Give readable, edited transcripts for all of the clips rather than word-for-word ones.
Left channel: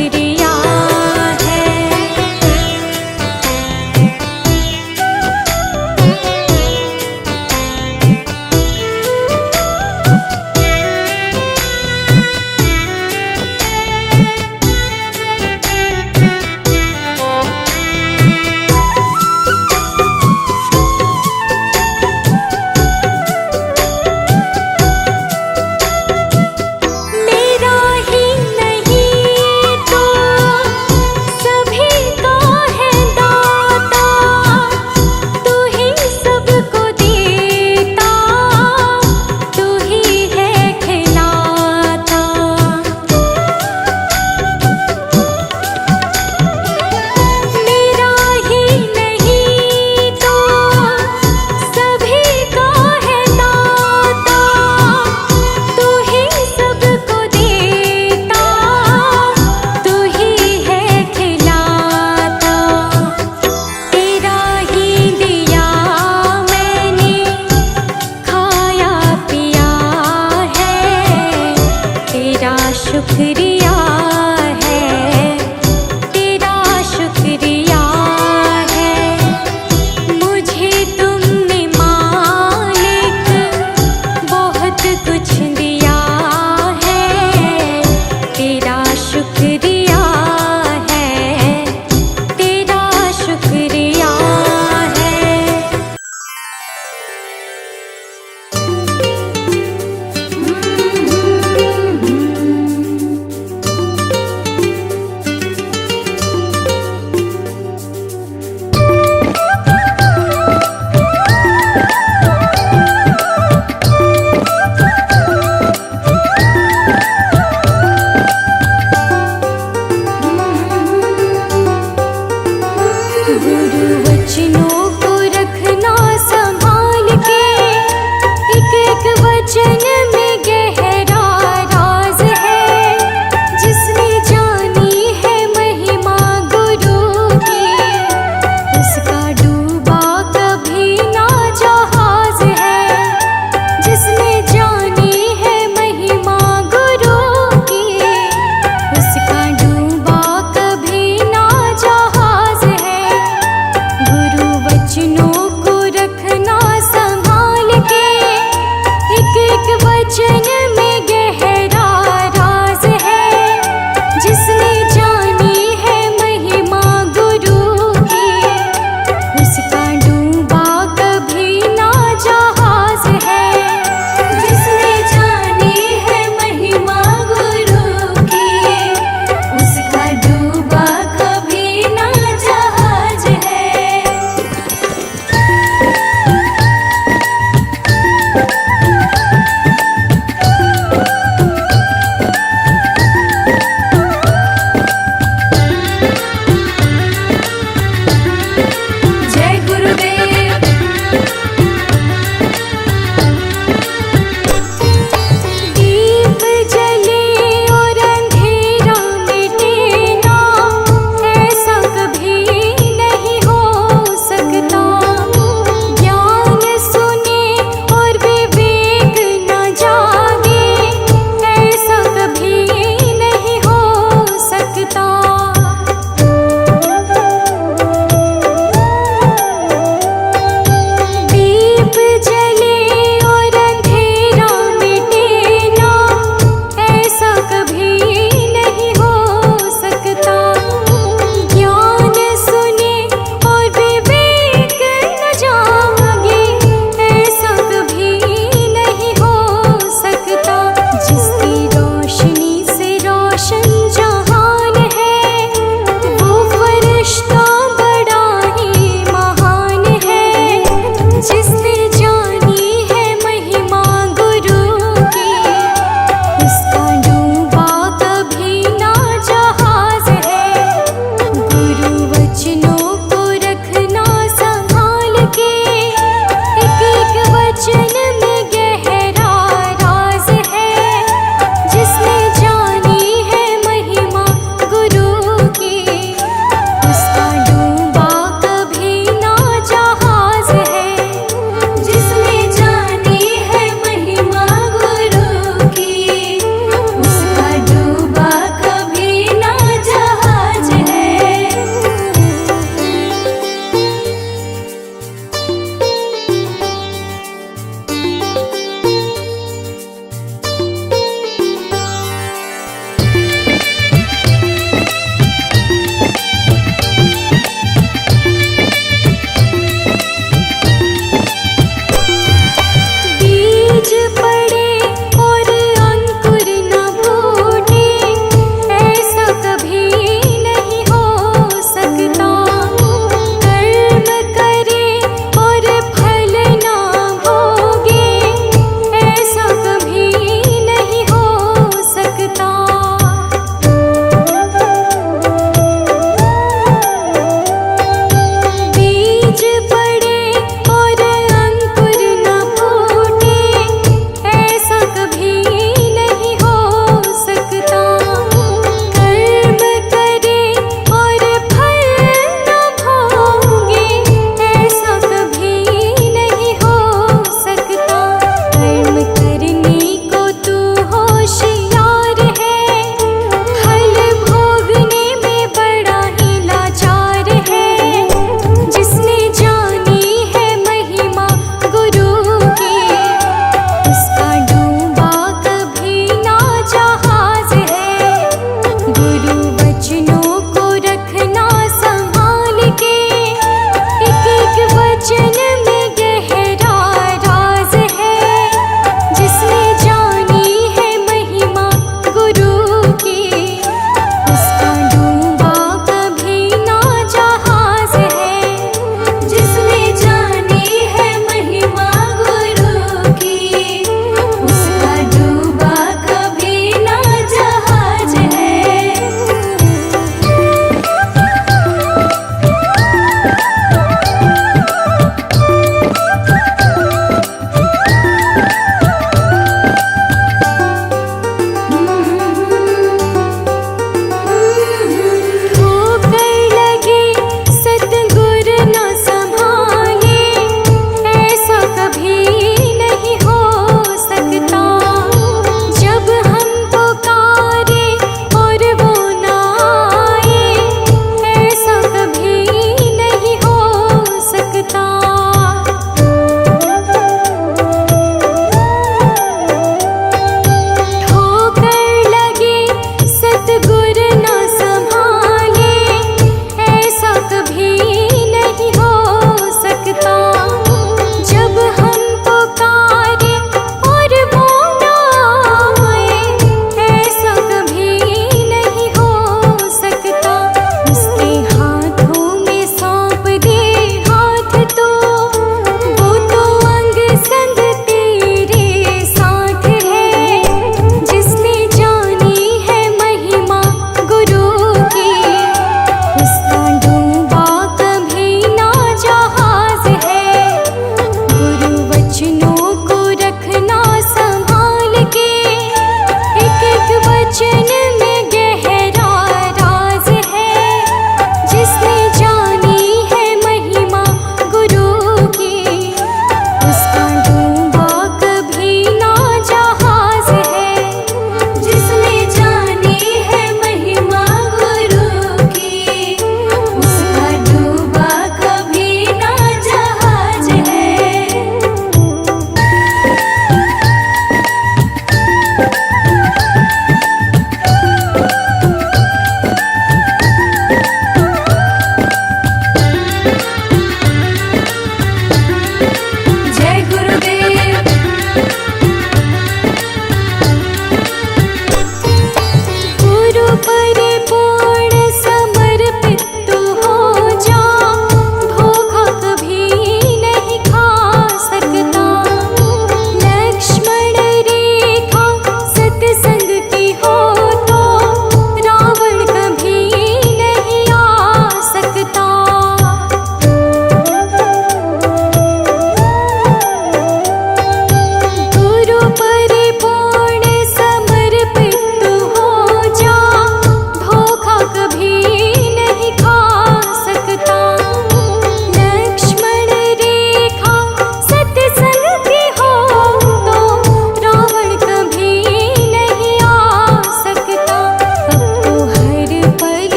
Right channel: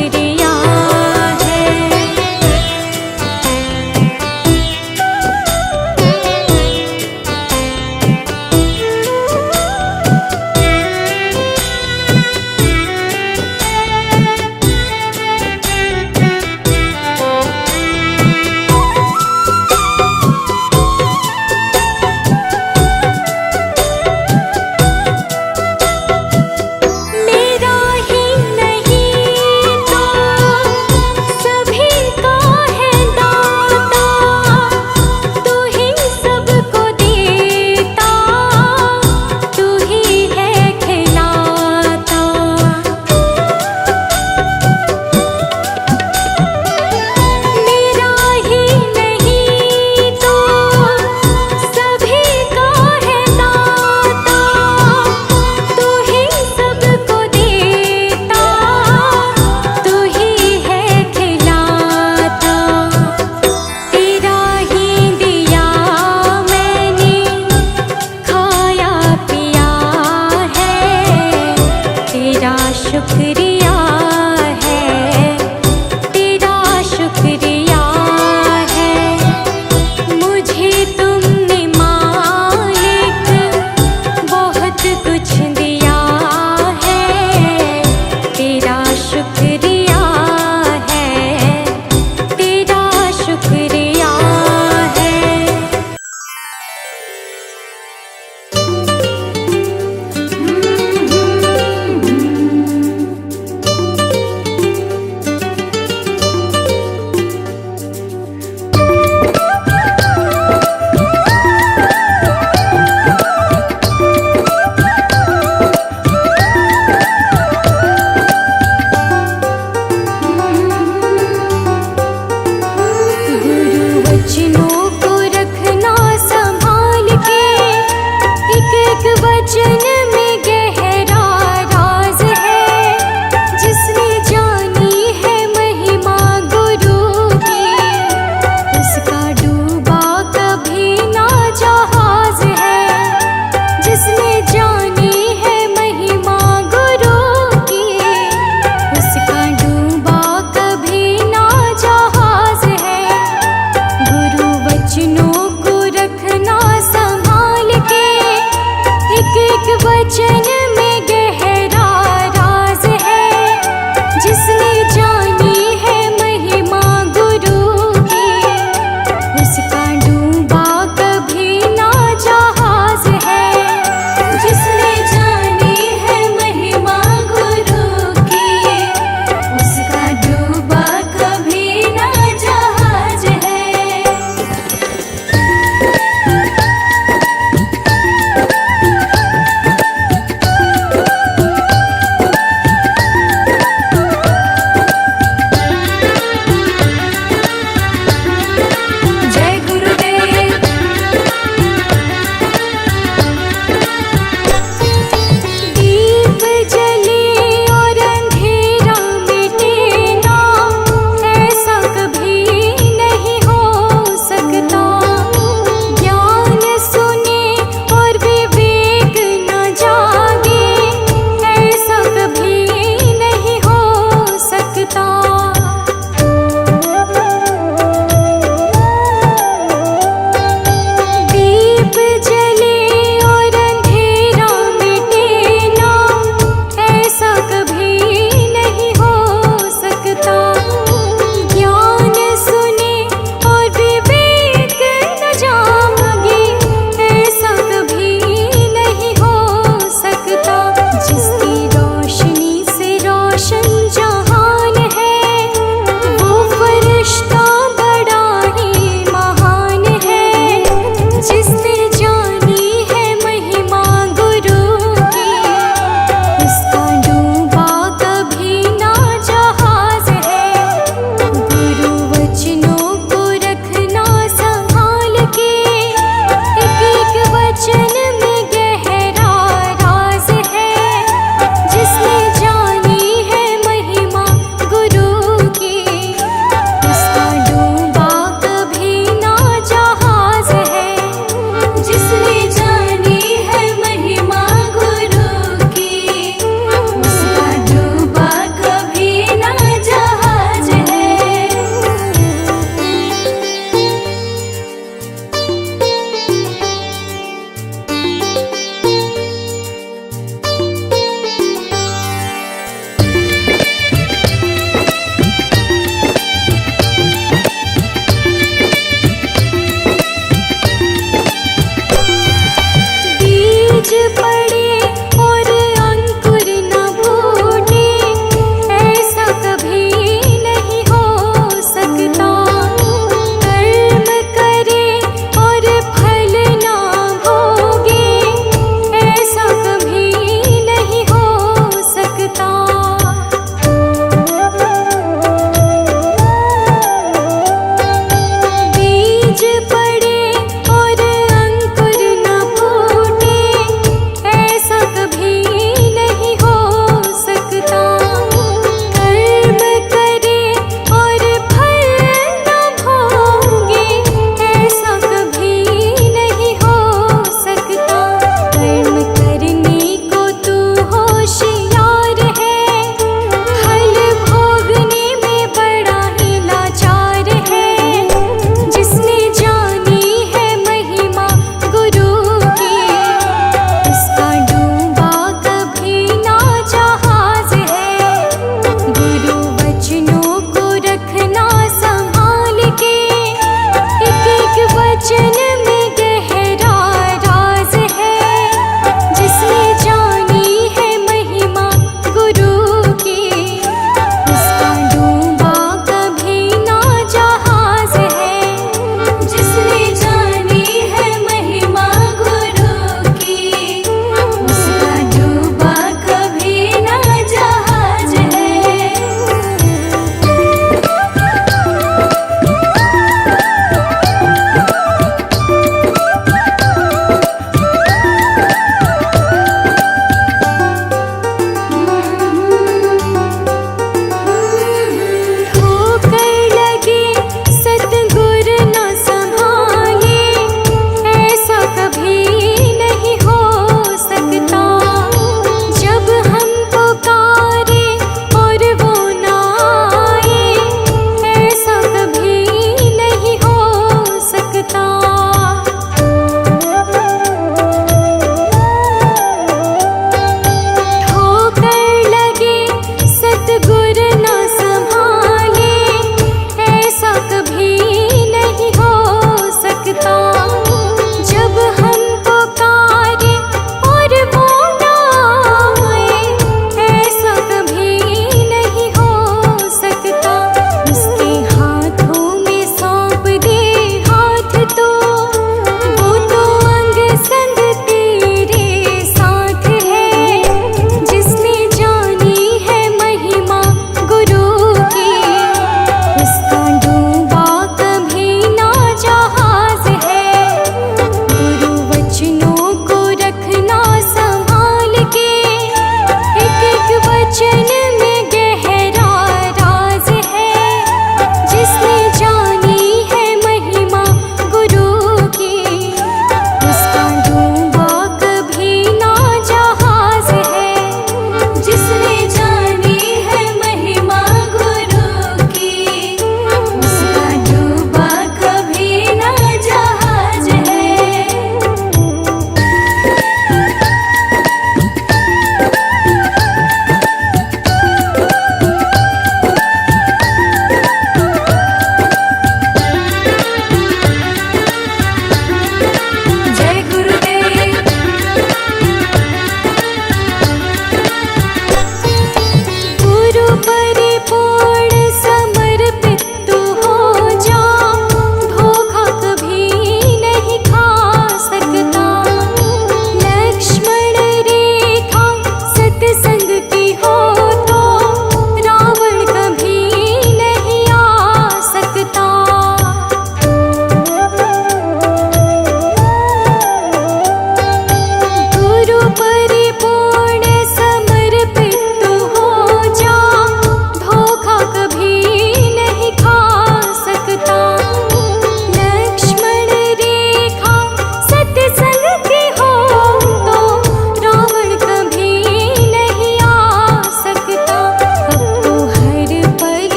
शुक्रिया है। मेरा ही नहीं तो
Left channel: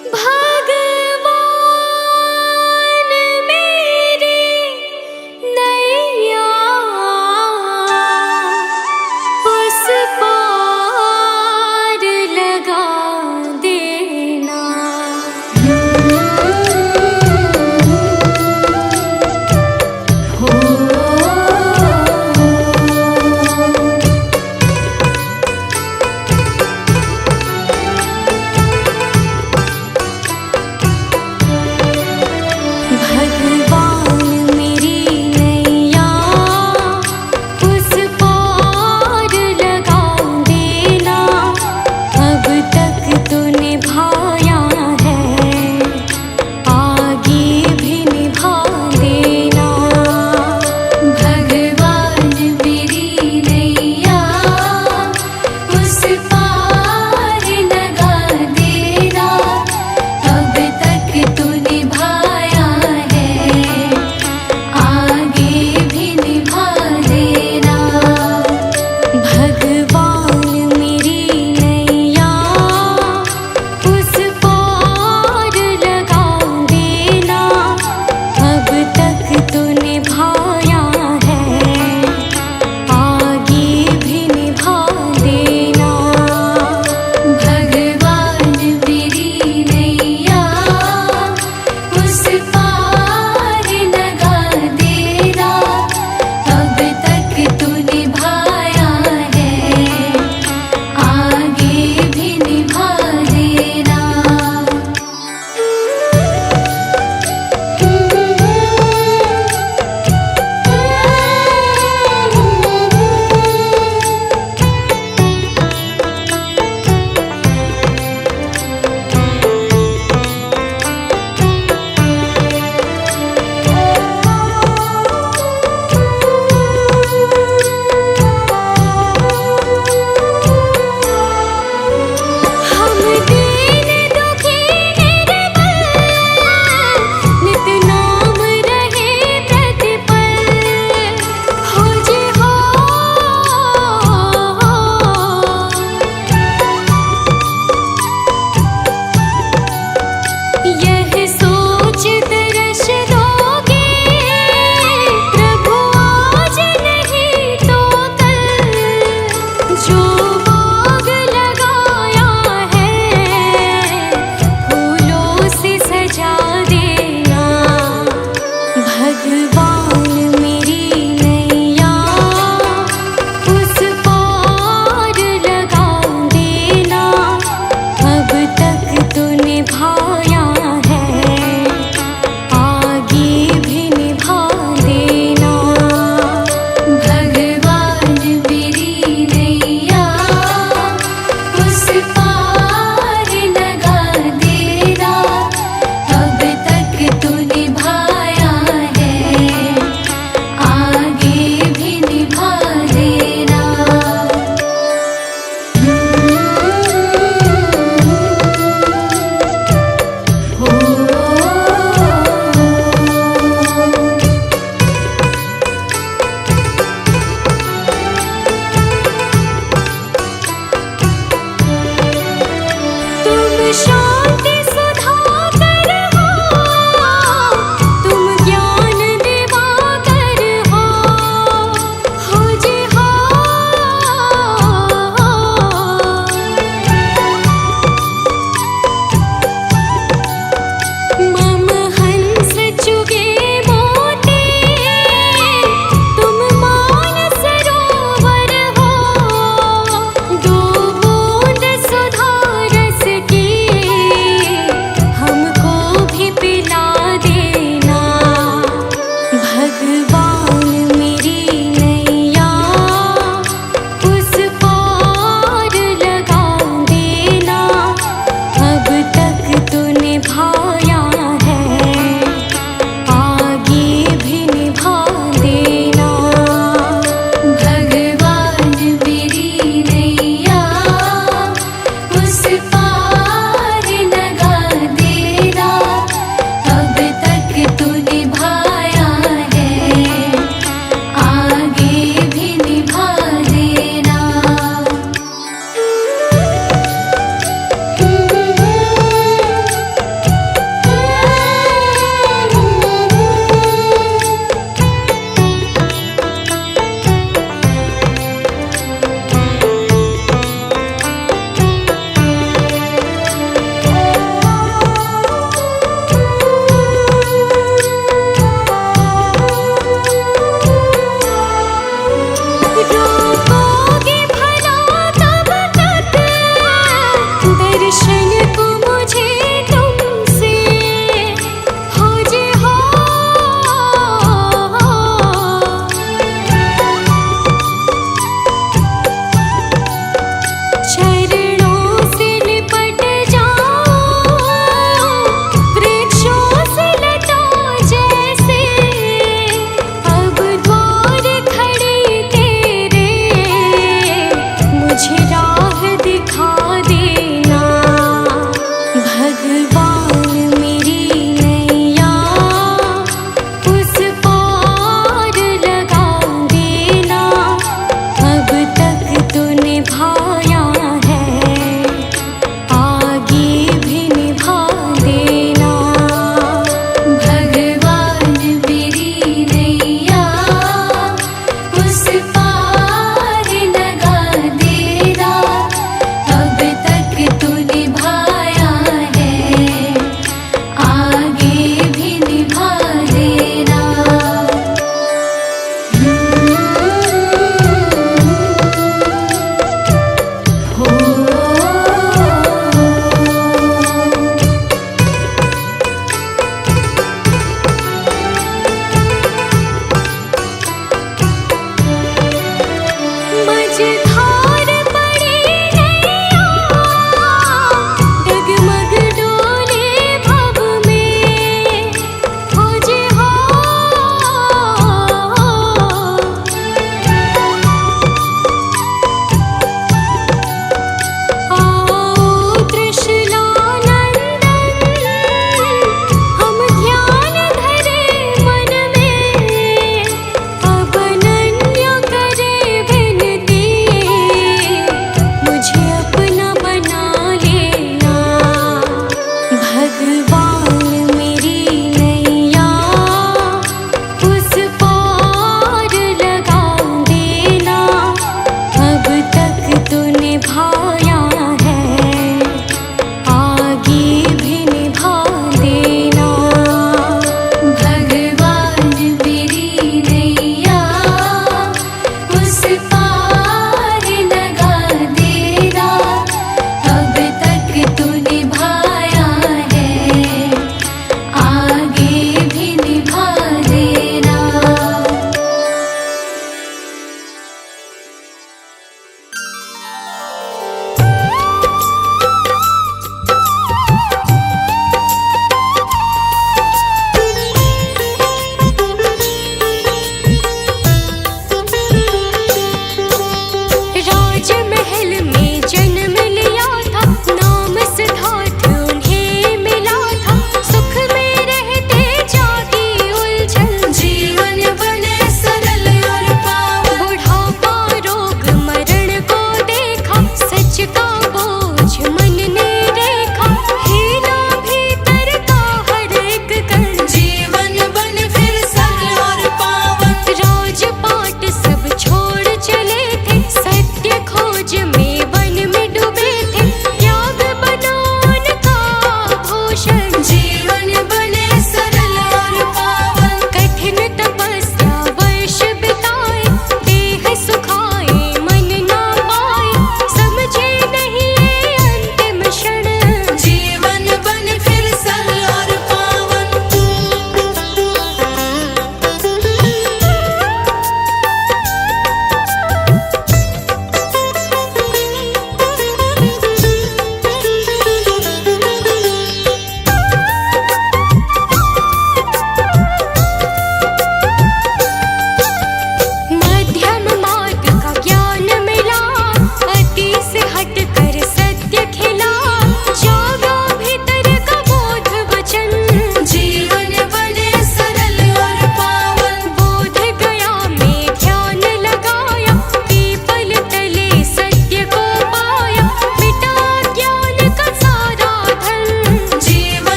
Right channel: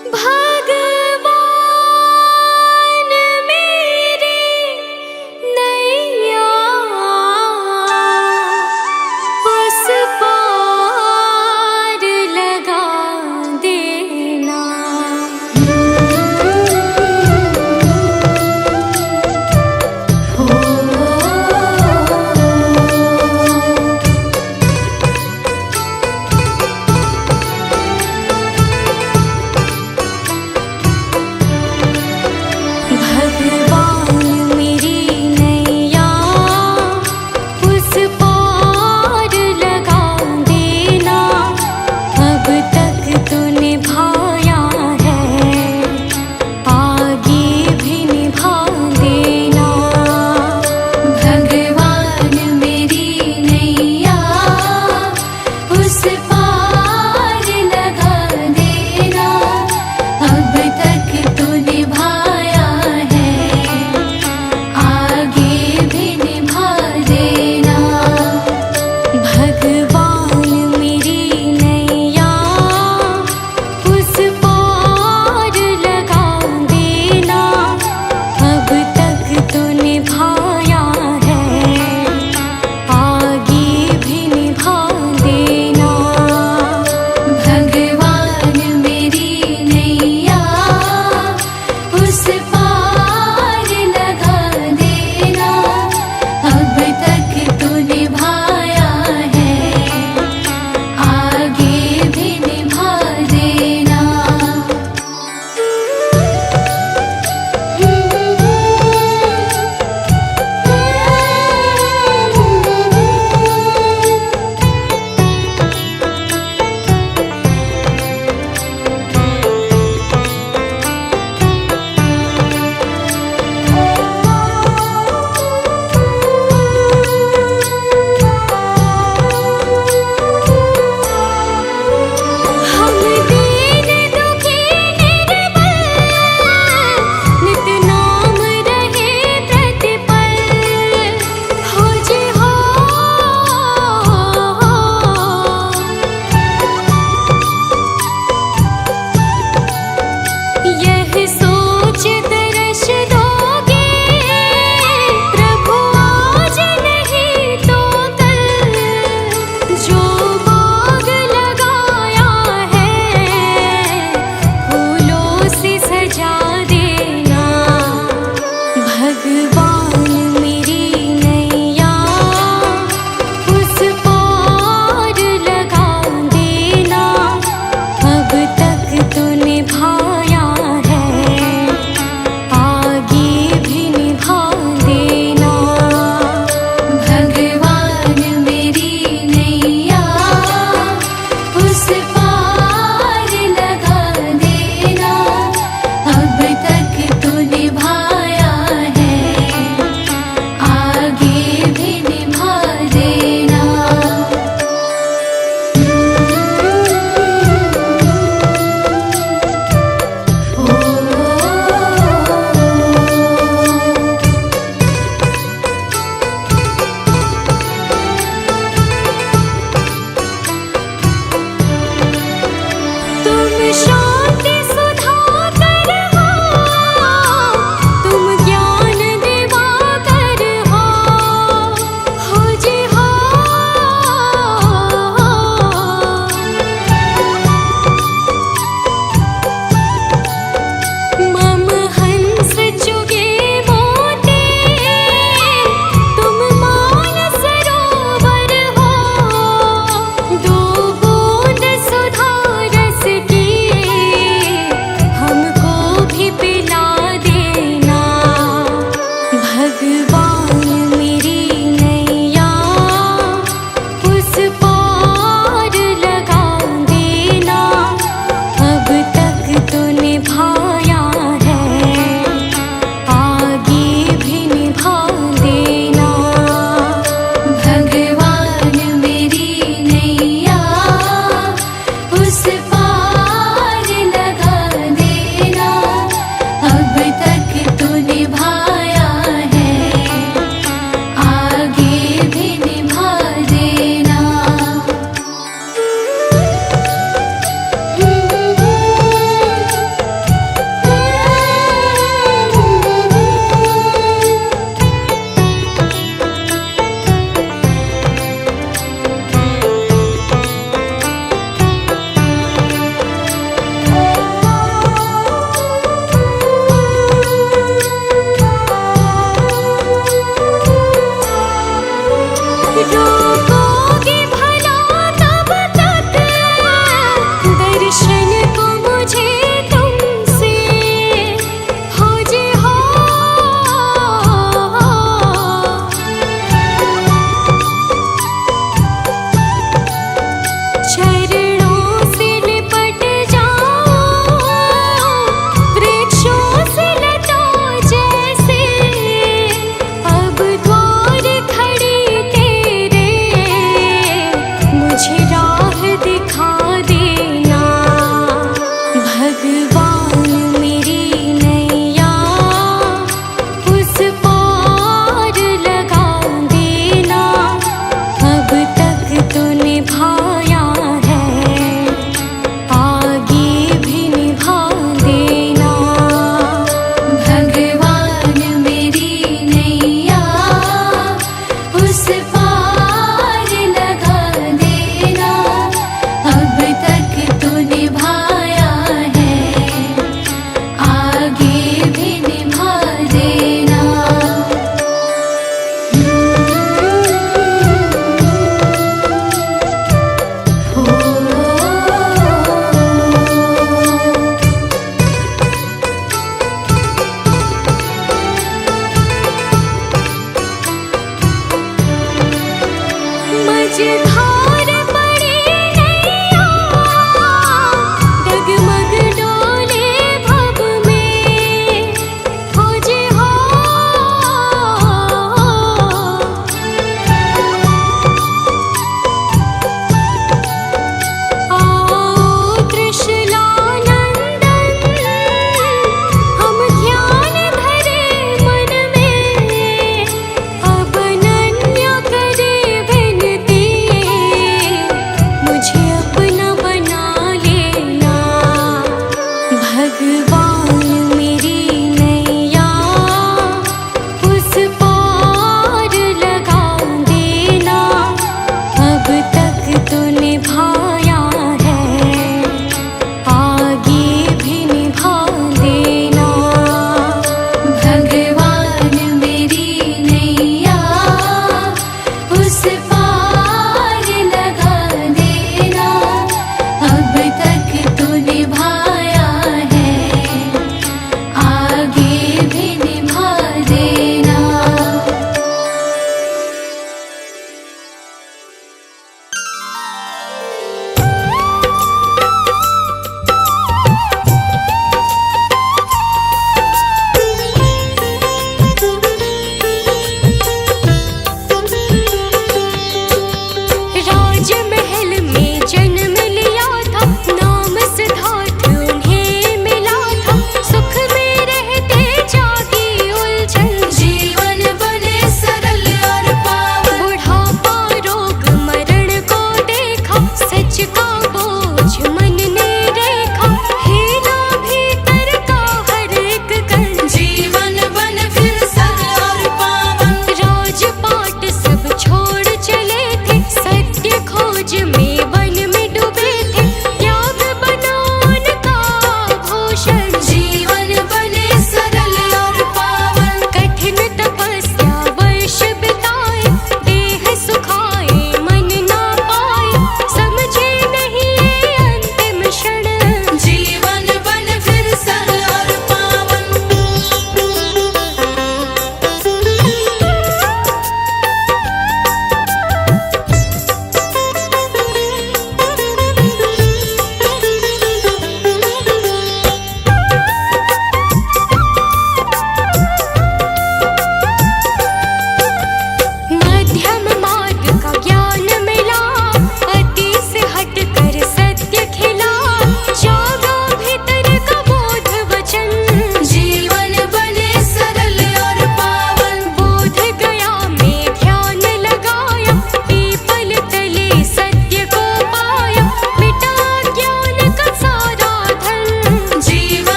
भगवान मेरी नैया उस पार लगा देना। भगवान मेरी नैया उस पार लगा देना। अब तक तो निभाया है, आगे भी निभा देना। भगवान मेरी नैया उस पार लगा देना। अब तक तो निभाया है, आगे भी निभा देना। भगवान मेरी नैया उस पार लगा देना। अब तक तो निभाया है, आगे भी निभा देना। भगवान मेरी नैया उस पार लगा देना। अब तक तो निभाया है, आगे भी निभा देना। हम दीन दुखी निर्बल, नित नाम रहे प्रतिपल। हो जी हो, यह सोच दर्श दोगे प्रभु आज नहीं तो कल। जो बाग लगाया है फूलों से सजा देना। भगवान मेरी नैया उस पार लगा देना। अब तक तो निभाया है, आगे भी निभा देना। भगवान मेरी नैया उस पार लगा देना। अब तक तो निभाया है, आगे भी निभा देना। तुम शांति सुधाकर हो, तुम ज्ञान दिवाकर हो। हो जी हो, मम हंस चुगे मोती, तुम मान सरोवर हो। दो बूंद सुधा रस की हमको भी पिला देना। भगवान मेरी नैया उस पार लगा देना। अब तक तो निभाया है, आगे भी निभा देना। भगवान मेरी नैया उस पार लगा देना। अब तक तो निभाया है, आगे भी निभा देना। भगवान मेरी नैया उस पार लगा देना, अब तक तो निभाया है, आगे भी निभा देना। भगवान मेरी नैया उस पार लगा देना, अब तक तो निभाया है, आगे भी निभा देना। मझधार पड़ी नैया, डगमग डोले भव में, खोजे हो आओ त्रिशूलानंदन, हम ध्यान धरे मन में, अब अनन्य करे विनती, मुझे अपना बना लेना। भगवान मेरी नैया उस पार लगा देना, अब तक तो निभाया है, आगे भी निभा देना। भगवान मेरी नैया उस पार लगा देना, अब तक तो निभाया है, आगे भी निभा देना। राजमहल में जन्म लिया था, नाम सिद्धार्थ उन्हें मिला था, सुख में रहते जागी उलझन, जीवन बने सरल और पावन। बुढ़ापा रोग मरण को देखा, सच का बोझ मन ने देखा, हीना भीतर का हर एक कण, जीवन बने फिर सरल और पावन। राजपाट सब छोड़ चले थे, सत्य खोज में वन में डूबे थे, त्याग बना उनका भूषण, जीवन बने सरल और पावन। कठिन तपस्या वर्ष बिताए, देह सुखाए मन ना पाए, समझे नहीं ये अंतिम क्षण, जीवन बने फिर सरल और पावन।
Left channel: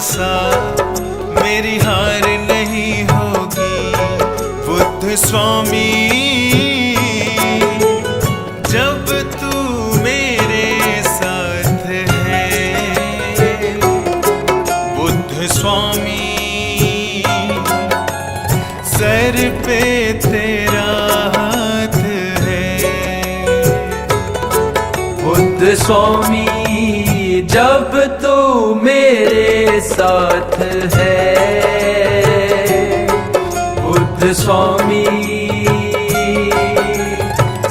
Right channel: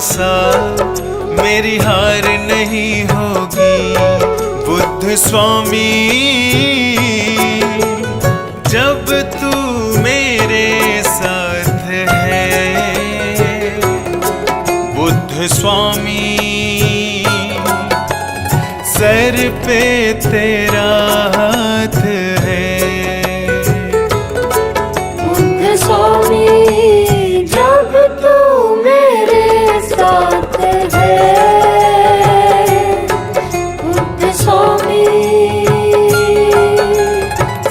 भरोसा, मेरी हार नहीं होगी। बुद्ध स्वामी जब तू मेरे साथ है, बुद्ध स्वामी सर पे तेरा हाथ है। बुद्ध स्वामी जब तू मेरे साथ है, बुद्ध स्वामी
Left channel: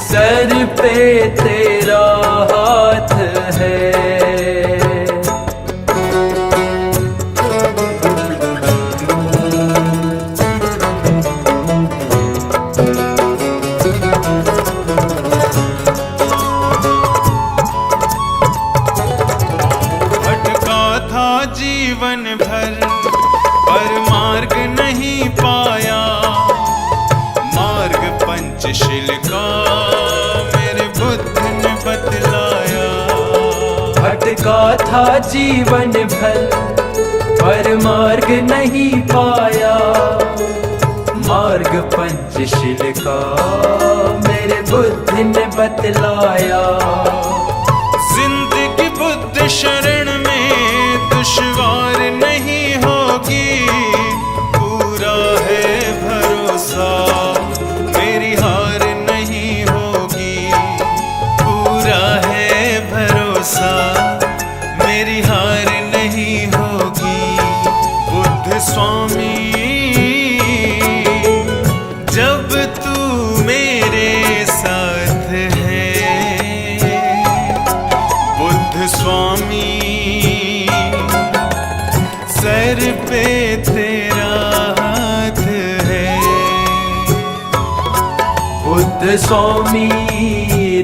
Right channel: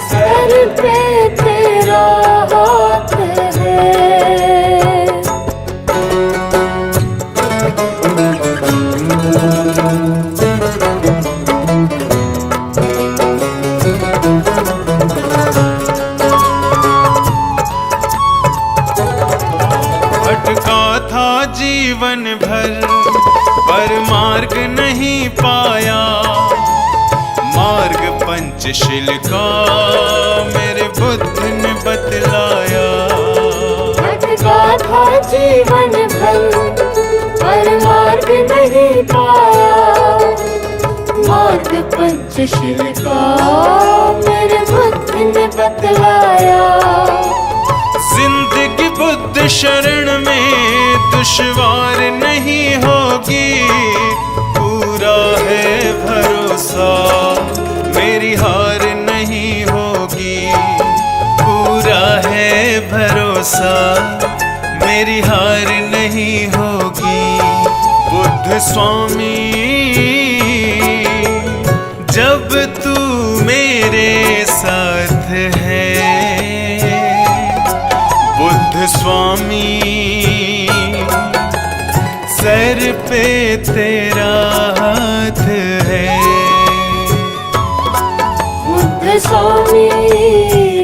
सर पे तेरा हाथ है। भटका था जीवन भर पर मार्ग नहीं पाया, मार्ग पंचशील का मेरे बुद्ध ने बतलाया। भटका था जीवन भर पर मार्ग नहीं पाया, मार्ग पंचशील का मेरे बुद्ध ने बतलाया। जिंदगी बुद्ध शरण में दुश्वार नहीं होगी, पूरा है भरोसा, मेरी हार नहीं होगी। पूरा है भरोसा, मेरी हार नहीं होगी। बुद्ध स्वामी जब तू मेरे साथ है, बुद्ध स्वामी सर पे तेरा हाथ है। बुद्ध स्वामी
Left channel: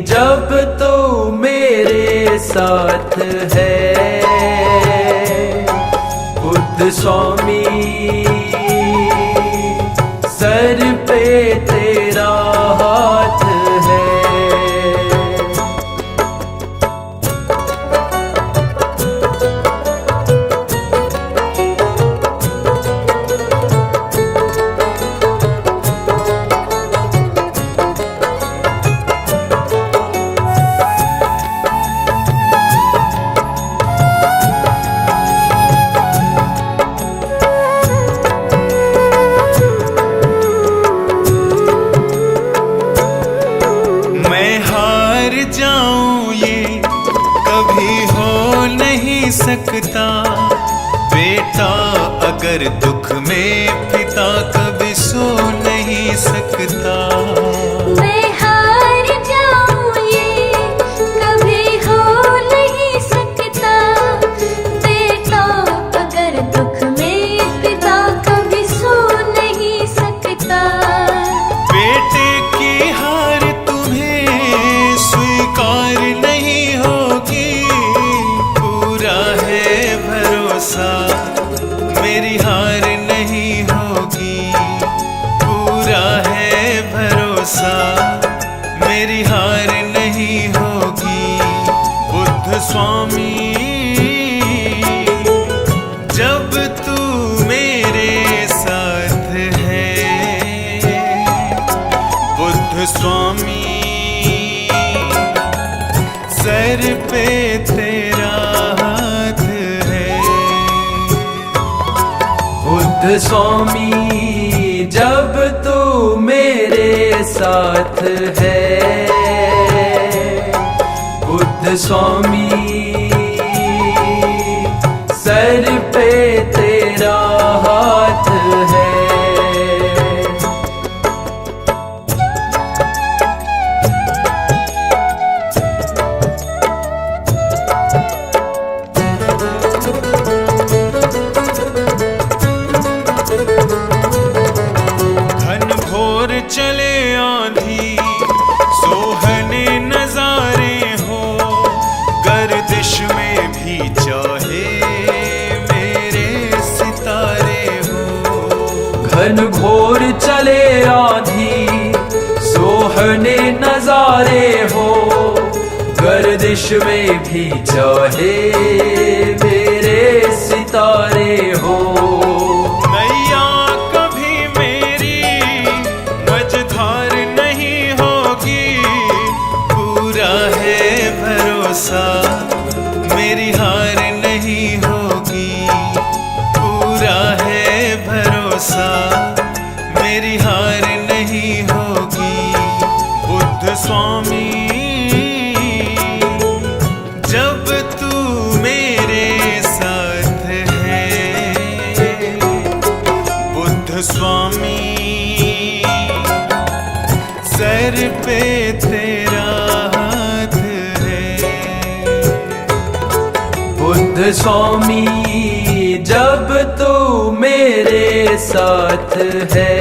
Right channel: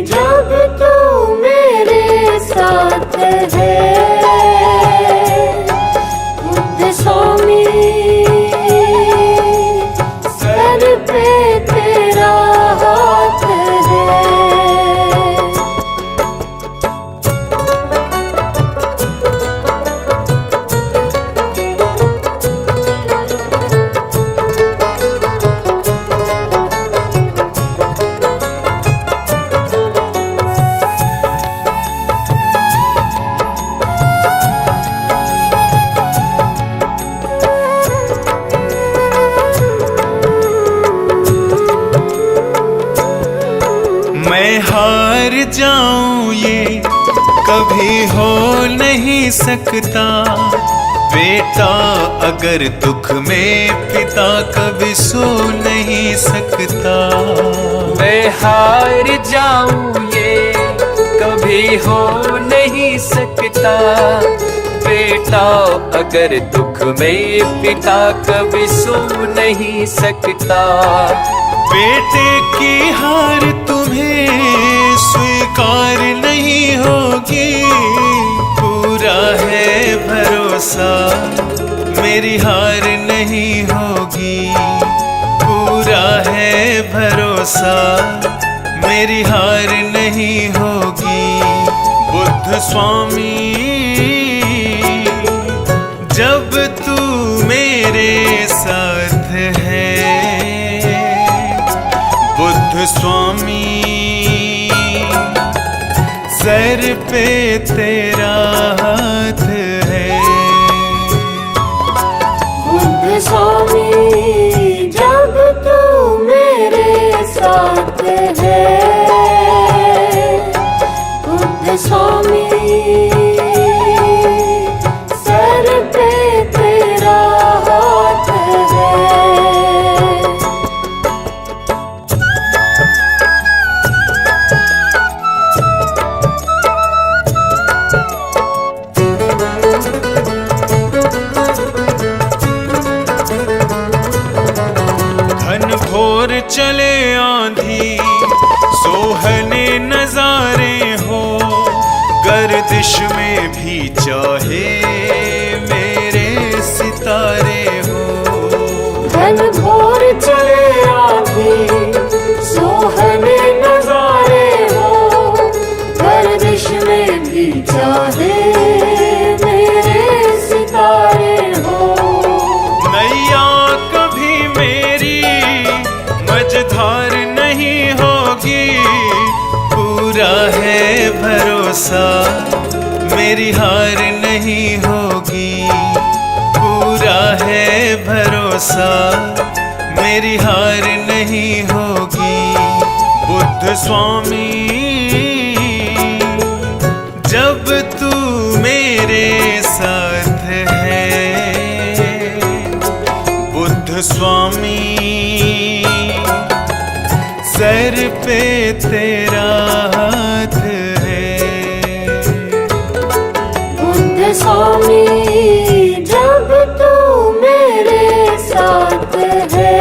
जब तू मेरे साथ है, बुद्ध स्वामी सर पे तेरा हाथ है। मैं हार जाऊं ये कभी हो नहीं सकता, बेटा अगर दुख में पिता कभी सो नहीं सकता। मैं हार जाऊं ये कभी हो नहीं सकता, बेटा अगर दुख में पिता कभी सो नहीं सकता। बेटे की हार तुम्हें स्वीकार नहीं होगी, पूरा है भरोसा, मेरी हार नहीं होगी। पूरा है भरोसा, मेरी हार नहीं होगी। बुद्ध स्वामी जब तू मेरे साथ है, बुद्ध स्वामी सर पे तेरा हाथ है। बुद्ध स्वामी जब तू मेरे साथ है, बुद्ध स्वामी सर पे तेरा हाथ है। घन घोर चले आंधी, सोहने नजारे हो, गर्दिश में भी चाहे मेरे सितारे हो। घन घोर चले आंधी, सोहने नजारे हो, गर्दिश में भी चाहे मेरे सितारे भरोसा मेरी हार नहीं होगी। पूरा है भरोसा मेरी हार नहीं होगी। बुद्ध स्वामी जब तू मेरे साथ है, बुद्ध स्वामी सर पे तेरा हाथ है। बुद्ध स्वामी जब तू मेरे साथ है,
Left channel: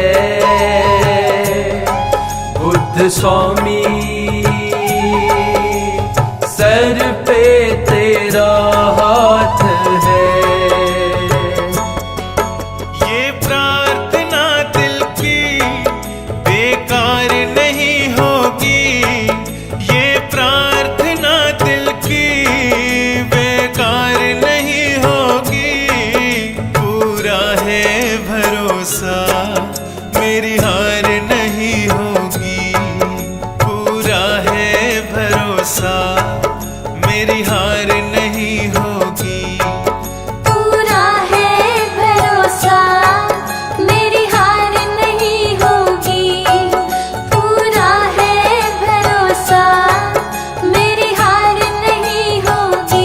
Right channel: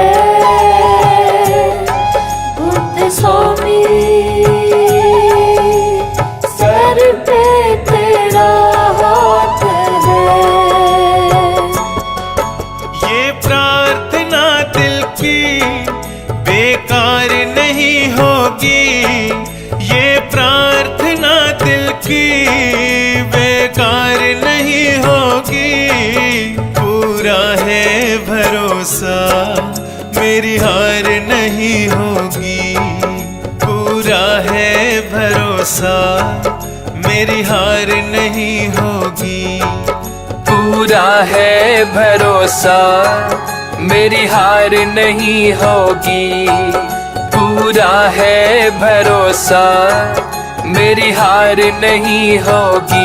बुद्ध स्वामी सर पे तेरा हाथ है। ये प्रार्थना दिल की बेकार नहीं होगी। ये प्रार्थना दिल की बेकार नहीं होगी। पूरा है भरोसा मेरी हार नहीं होगी। पूरा है भरोसा मेरी हार नहीं होगी। पूरा है भरोसा मेरी हार नहीं होगी। पूरा है भरोसा मेरी हार नहीं होगी।